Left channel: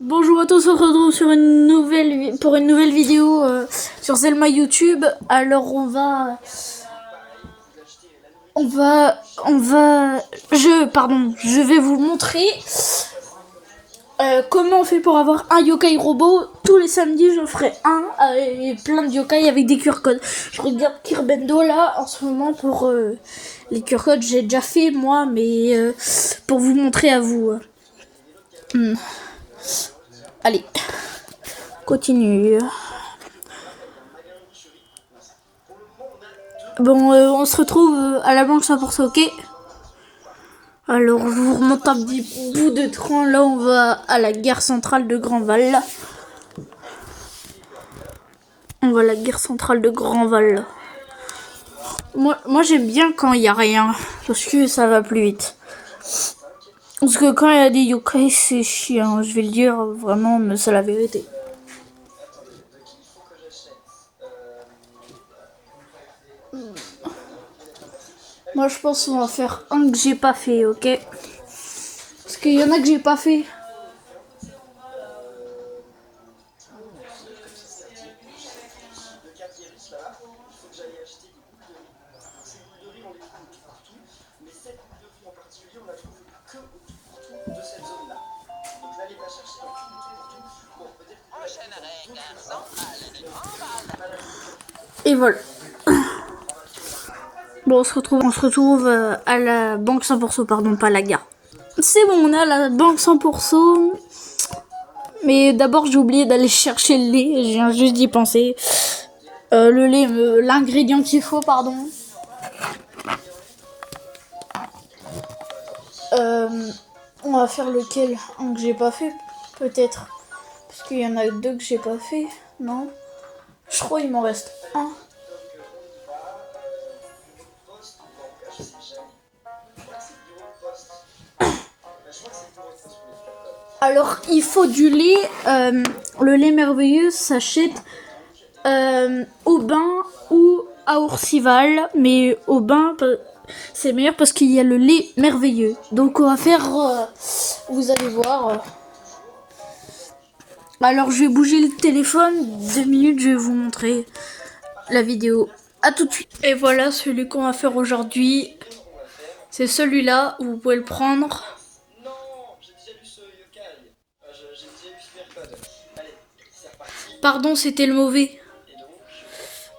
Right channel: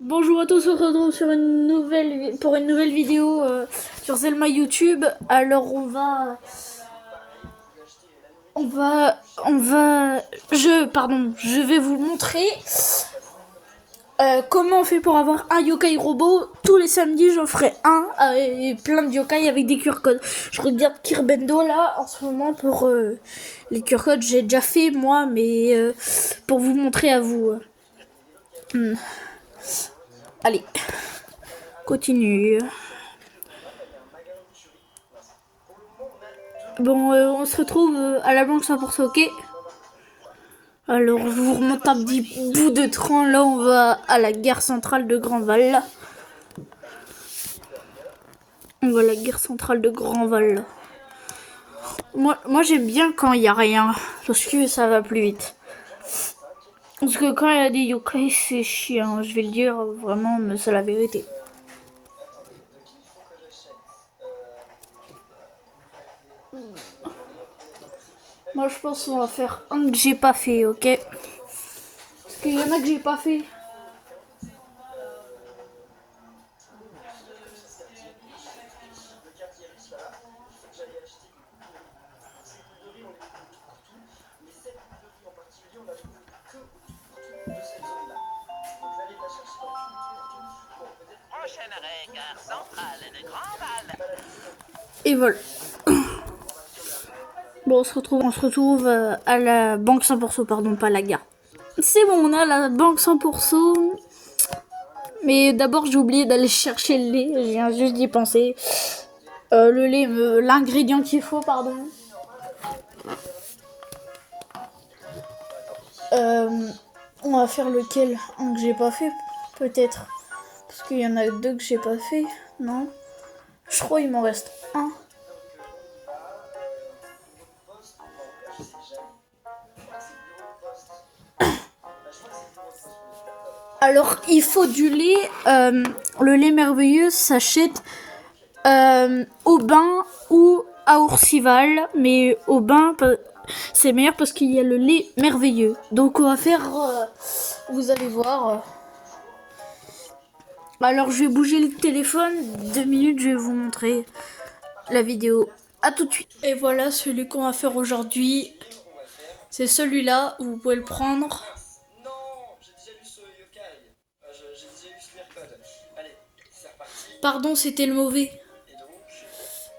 Bonjour à tous, on se retrouve sur pour une nouvelle vidéo sur Zelma YouTube. Alors je vais vous montrer comment on fait pour avoir un yokai robot. Tous les samedis, j'en ferai un et plein de yokai avec des QR codes. Je regarde Kirbendo là en ce moment pour les QR codes. J'ai déjà fait moi, mais pour vous montrer à vous. Allez, continue. Bon, on se retrouve à la banque 100% ok. Alors, je vous remonte un petit bout de train. Là, on va à la gare centrale de Grandval. On va à la gare centrale de Grandval. Moi j'aime bien quand il n'y a rien. Parce que ça va plus vite. Parce que quand il y a des yokai, c'est chiant. Je vais le dire vraiment, mais c'est la vérité. Moi, je pense qu'on va faire un que j'ai pas fait, ok? Parce qu'il y en a que j'ai pas fait. Et voilà. Bon, on se retrouve à la banque 100%, pardon, pas à la gare. C'est bon, on a la banque 100%. Mais d'abord, j'ai oublié d'aller chercher le lait. Je viens juste d'y penser. Le lait, l'ingrédient qu'il faut, pardon. On va faire lequel? Un que j'ai pas fait, peut-être. Parce qu'il y en a deux que j'ai pas fait, non? Je crois qu'il m'en reste un. Alors, il faut du lait. Le lait merveilleux s'achète au bain ou à Ourcival. Mais au bain, c'est meilleur parce qu'il y a le lait merveilleux. Donc, on va faire... vous allez voir... Alors, je vais bouger le téléphone. 2 minutes, je vais vous montrer la vidéo. À tout de suite. Et voilà, celui qu'on va faire aujourd'hui. C'est celui-là. Vous pouvez le prendre. Pardon, c'était le mauvais.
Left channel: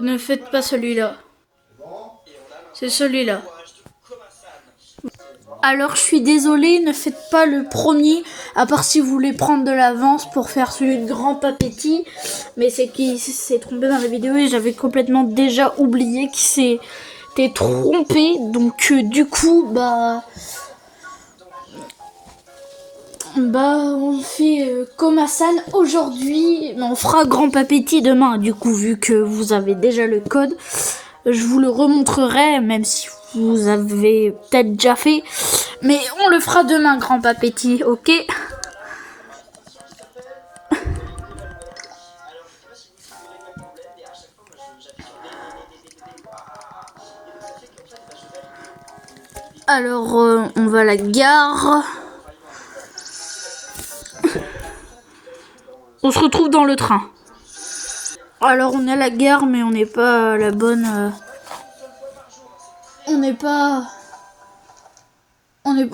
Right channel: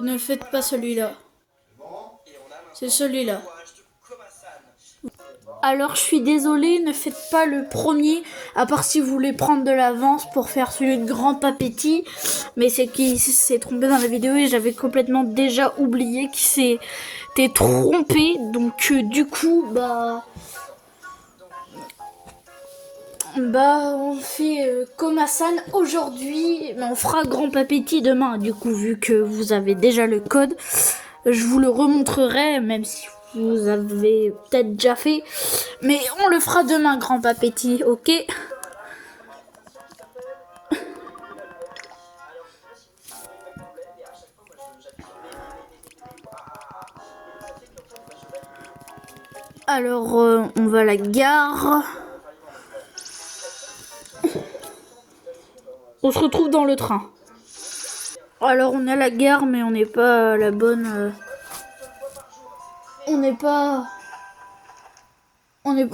Ne faites pas celui-là. C'est celui-là. Alors, je suis désolée, ne faites pas le premier, à part si vous voulez prendre de l'avance pour faire celui de Grand Papetti. Mais c'est qu'il s'est trompé dans la vidéo et j'avais complètement déjà oublié qu'il s'était trompé. Donc, du coup, on fait Komasan aujourd'hui, mais on fera Grand Papetti demain. Du coup, vu que vous avez déjà le code, je vous le remontrerai, même si vous avez peut-être déjà fait. Mais on le fera demain, Grand Papetti, ok? Alors, on va à la gare. On se retrouve dans le train. Alors, on est à la gare, mais on n'est pas à la bonne... On n'est pas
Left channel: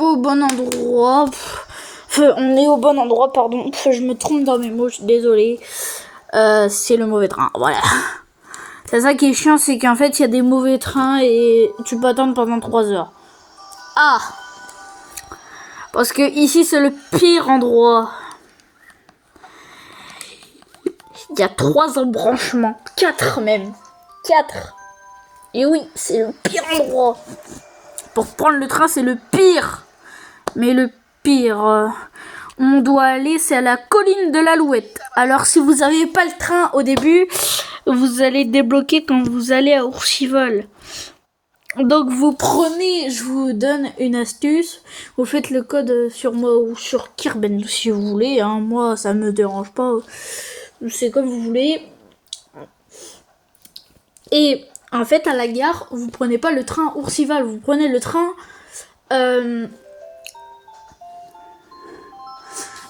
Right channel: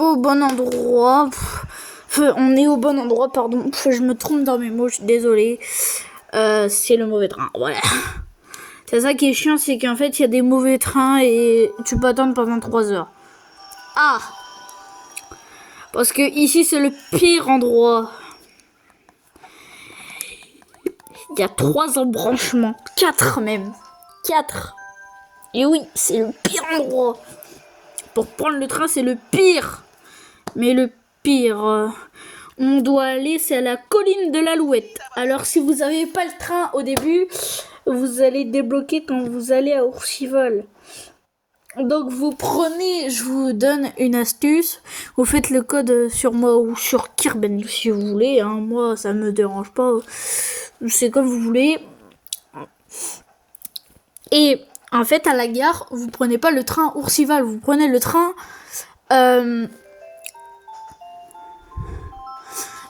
au bon endroit. Enfin, on est au bon endroit, pardon. Je me trompe dans mes mots, je suis désolée. C'est le mauvais train, voilà. C'est ça qui est chiant, c'est qu'en fait, il y a des mauvais trains et tu peux attendre pendant 3 heures. Ah! Parce que ici, c'est le pire endroit. Il y a 3 embranchements. 4 même. 4. Et oui, c'est le pire endroit. Pour prendre le train, c'est le pire. Mais le pire... on doit aller, c'est à la colline de l'Alouette. Alors, si vous n'avez pas le train au début, vous allez débloquer quand vous allez à Ourcival. Donc, vous prenez, je vous donne une astuce. Vous faites le code sur moi ou sur Kirben, si vous voulez. Hein. Moi, ça me dérange pas. C'est comme vous voulez. Et en fait, à la gare, vous prenez pas le train Ourcival. Vous prenez le train...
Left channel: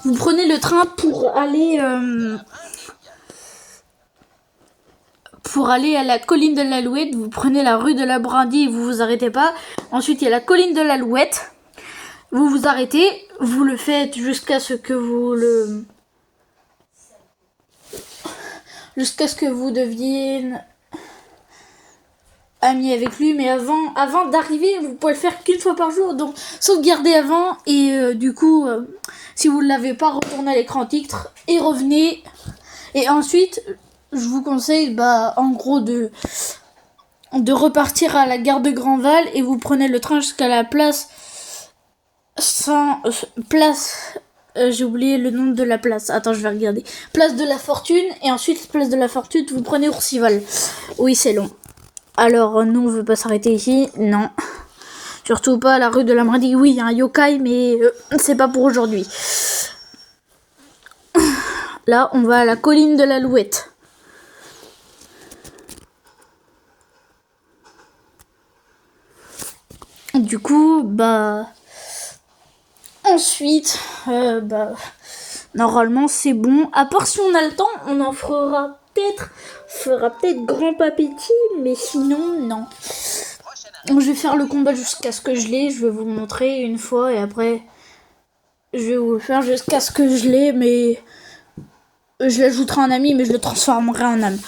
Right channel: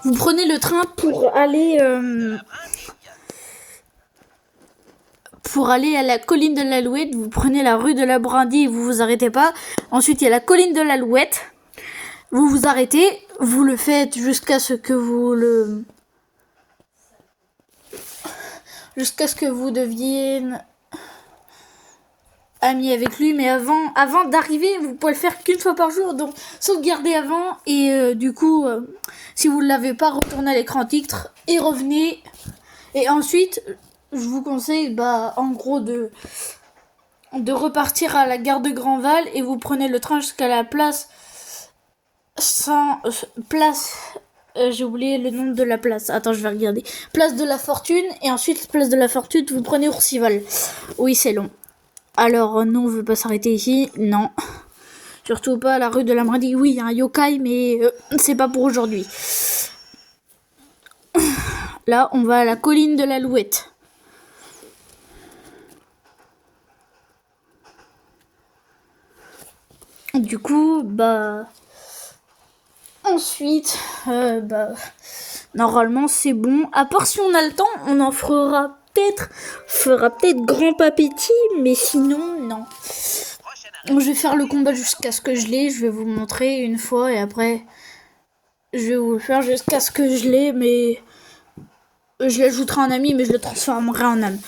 Vous prenez le train pour aller à la colline de l'Alouette. Vous prenez la rue de la Brindille et vous vous arrêtez pas. Ensuite, il y a la colline de l'Alouette. Vous vous arrêtez. Vous le faites jusqu'à ce que vous deviez ami avec lui, mais avant d'arriver, vous pouvez le faire qu'une fois par jour, donc sauvegardez avant et du coup, si vous ne l'avez pas, retournez à l'écran titre et revenez. Et ensuite, je vous conseille, en gros, de repartir à la gare de Grandval et vous prenez le train jusqu'à la place j'ai oublié le nom de la place. Attends, je vais regarder. Place de la Fortune et ensuite place de la Fortune, vous prenez Ourcival. Oui, c'est long. Alors, non, on veut pas s'arrêter ici. Non. Surtout pas à la rue de la Brindille. Oui, il y a un yokai, mais c'est pas pour aujourd'hui. Là, on va à la colline de l'Alouette. Du coup, ensuite, normalement, c'est bon. À part si on a le temps, on en fera peut-être Grand Papéti, mais sinon, non. Donc, je vais faire le combat jusqu'à ce que je l'ai. Je vais vous montrer une fois et après, je vais vous le faire jusqu'à ce que je l'ai, mais je l'ajouterai en ami, mais je le transformerai en âme.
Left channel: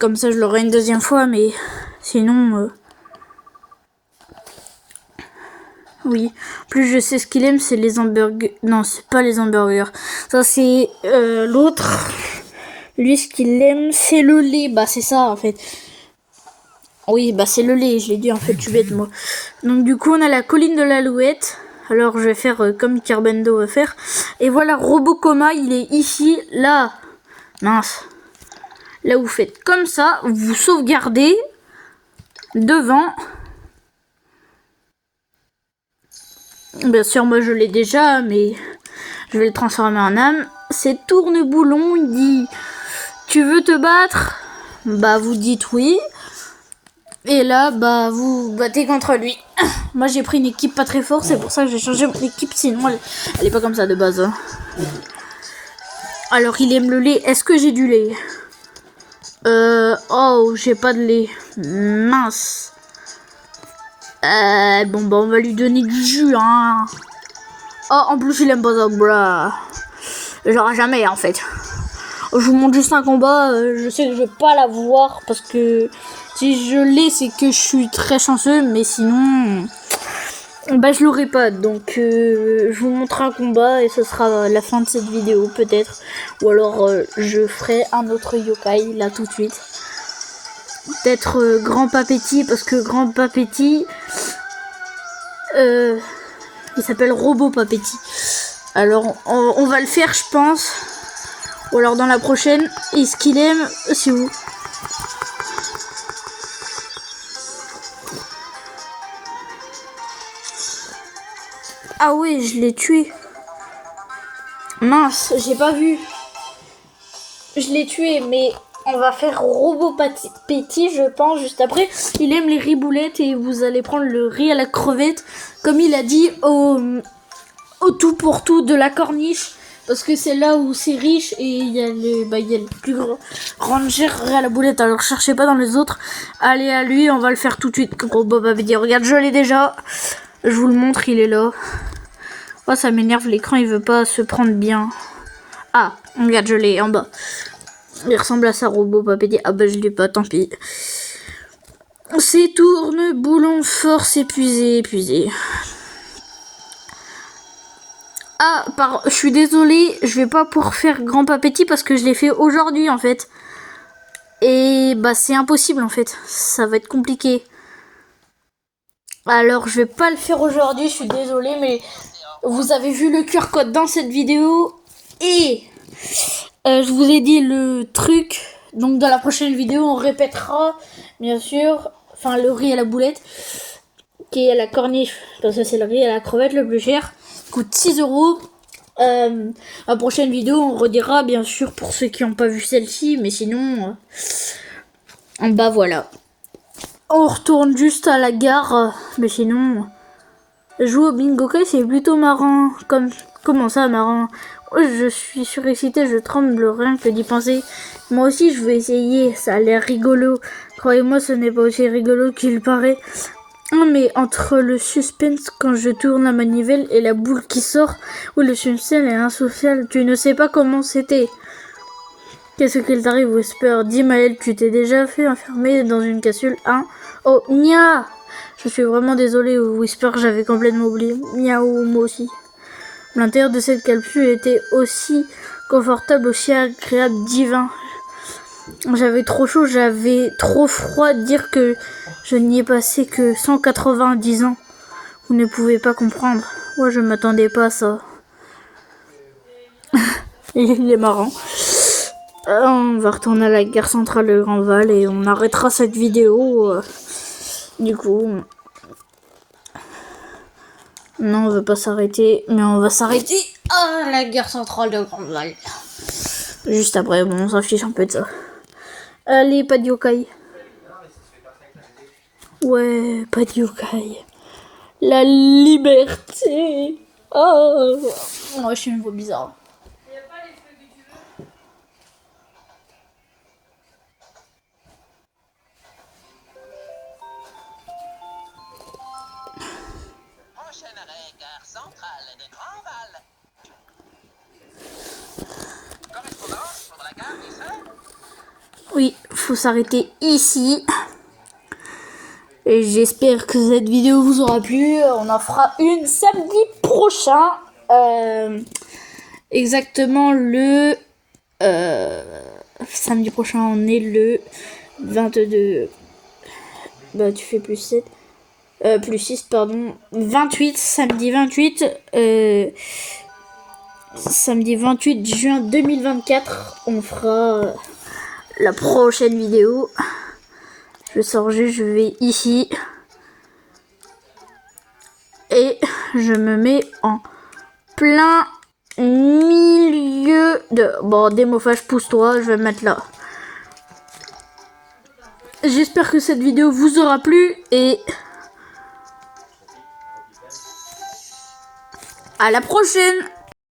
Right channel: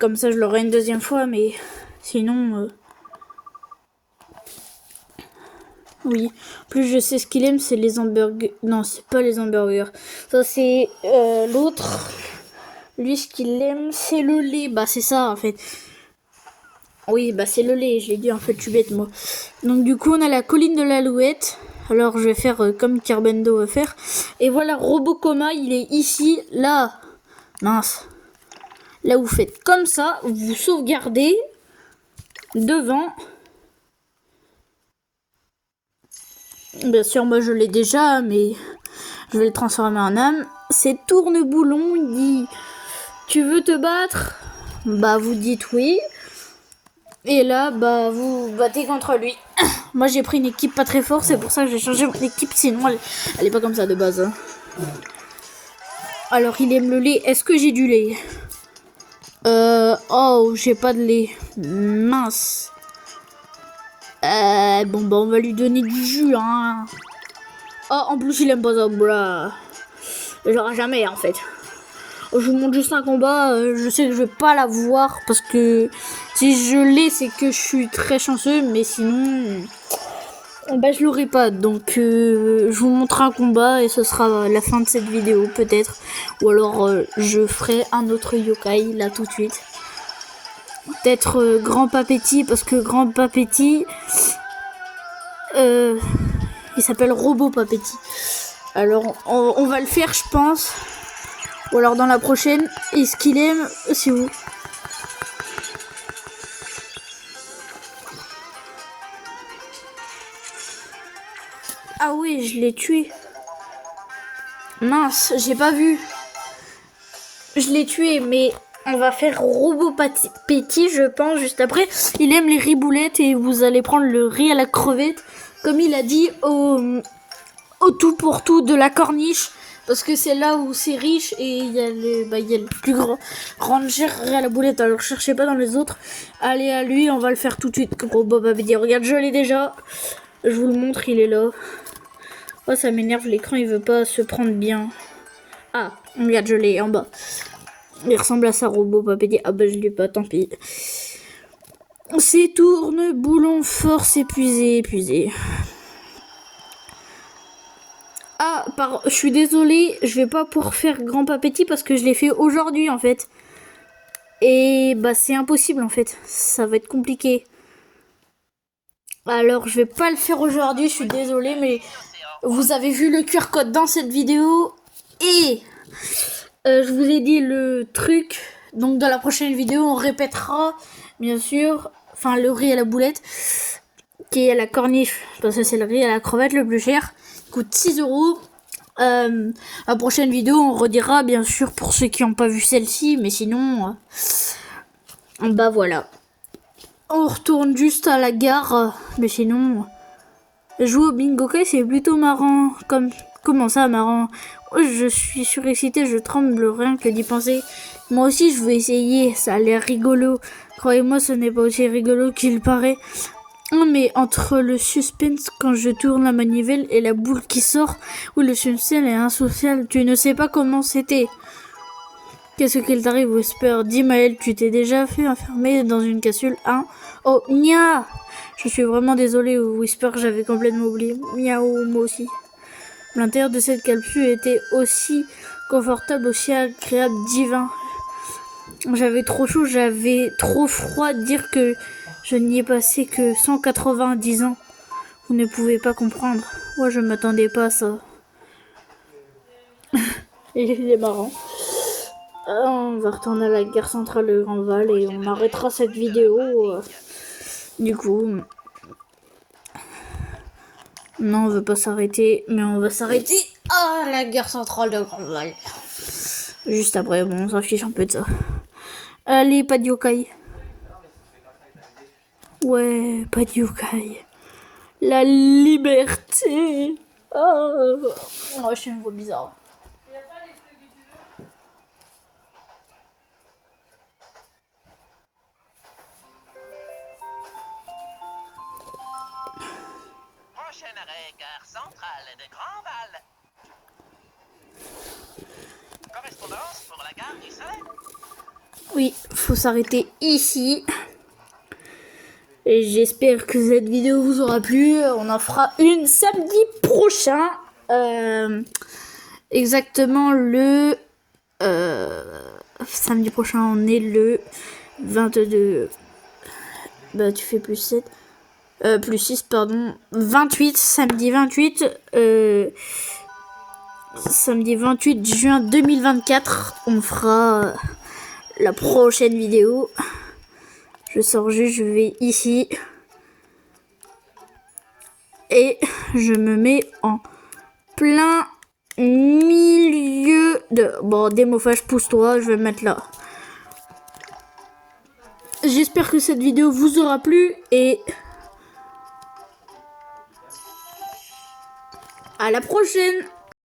Comme ça, je l'aurai une deuxième fois, mais sinon... Oui, plus je sais ce qu'il aime, c'est les hamburgers. Non, c'est pas les hamburgers. Ça, c'est l'autre. Lui, ce qu'il aime, c'est le lait. C'est ça, en fait. Oui, c'est le lait. Je l'ai dit, en fait, je suis bête, moi. Donc, du coup, on a la colline de l'Alouette. Alors, je vais faire comme Carbendo va faire. Et voilà, Robocoma, il est ici, là. Mince. Là, vous faites comme ça. Vous sauvegardez devant. Bien sûr, moi je l'ai déjà, mais je vais le transformer en âme. C'est Tourneboulon, il dit « Tu veux te battre ?» Vous dites oui. Et là, vous battez contre lui. Moi j'ai pris une équipe pas très forte, c'est pour ça que j'ai changé mon équipe, sinon elle est pas comme ça de base. Alors il aime le lait, est-ce que j'ai du lait? Oh, j'ai pas de lait. Mince. On va lui donner du jus, hein. Oh, en plus, il aime pas ça, bra. J'aurai jamais, en fait. Je vous montre juste un combat. Je sais que je vais pas l'avoir parce que si je l'ai, c'est que je suis très chanceux. Mais sinon, je l'aurai pas. Donc, je vous montre un combat et ce sera la fin de cette vidéo, peut-être. Ou alors, je ferai un autre yokai, là, tout de suite. Peut-être Grand Papéti, parce que Grand Papéti, il s'appelle Robot Papéti. Alors, on va le faire, je pense. Ou alors dans la prochaine. Et ce qu'il aime, c'est où? Ah ouais, je l'ai tué. Mince, j'ai pas vu. Je l'ai tué, mais... On va faire Robot Papéti, je pense, juste après. Il aime les riboulettes et vous allez prendre le riz à la crevette, comme il a dit, au tout pour tout de la corniche. Parce que c'est là où c'est riche et il y a le plus grand ranger à la boulette. Alors cherchez pas dans les autres. Allez à lui, on va le faire tout de suite. Robot Papéti, regarde, je l'ai déjà. Je vous le montre, il est là. Oh, ça m'énerve, l'écran il veut pas se prendre bien. Ah, regarde, je l'ai en bas. Il ressemble à ça, Robot Papéti. Ah je l'ai pas, tant pis. C'est Tourneboulon, force épuisé. Ah, je suis désolée, je vais pas pouvoir faire Grand Papéti parce que je l'ai fait aujourd'hui en fait. Et c'est impossible en fait, ça va être compliqué. Alors je vais pas le faire aujourd'hui, je suis désolée, mais vous avez vu le QR code dans cette vidéo. Et... je vous ai dit le truc, donc dans la prochaine vidéo on répétera bien sûr, le riz à la boulette qui est à la corniche, parce que c'est le riz à la crevette le plus cher, coûte 6 €. La prochaine vidéo on redira bien sûr pour ceux qui n'ont pas vu celle-ci, mais sinon voilà, on retourne juste à la gare, mais sinon jouer au bingo c'est plutôt marrant, comme Comment ça, marrant? Je suis surexcité, je tremble rien que d'y penser. Moi aussi, je veux essayer, ça a l'air rigolo. Croyez-moi, ce n'est pas aussi rigolo qu'il paraît. Non, mais entre le suspense quand je tourne la manivelle et la boule qui sort, ou le suspense est insocial, tu ne sais pas comment c'était. Qu'est-ce qu'il t'arrive, Whisper? Dis, Maël, tu t'es déjà fait enfermer dans une capsule, hein? Oh, nia! Je suis vraiment désolée, Whisper, j'avais complètement oublié. Miaou, moi aussi. L'intérieur de cette capsule était aussi confortable, aussi agréable, divin. J'avais trop chaud, j'avais trop froid. Dire que je n'y ai passé que 190 ans. Vous ne pouvez pas comprendre. Moi, je m'attendais pas à ça. Il est marrant. On va retourner à la gare centrale de Grandval et on arrêtera cette vidéo. Du coup... Non, on veut pas s'arrêter, mais on va s'arrêter à la gare centrale de Grandval. Juste après, bon, on s'en fiche un peu de ça. Allez, pas de yokai. Ouais, pas de yokai. La liberté. Oh, moi, je suis une voix bizarre. Prochaine arrêt, gare centrale de Grandval. Correspondance pour la gare des Sœurs? Oui, faut s'arrêter ici. Et j'espère que cette vidéo vous aura plu. On en fera une samedi prochain. Exactement le... samedi prochain, on est le 22... Bah, tu fais plus 7. Plus 6, pardon. 28, samedi 28. Samedi 28 juin 2024. On fera la prochaine vidéo. Je sors juste, je vais ici. Et je me mets en plein milieu de... Bon, démophage, pousse-toi, je vais me mettre là. J'espère que cette vidéo vous aura plu et... à la prochaine!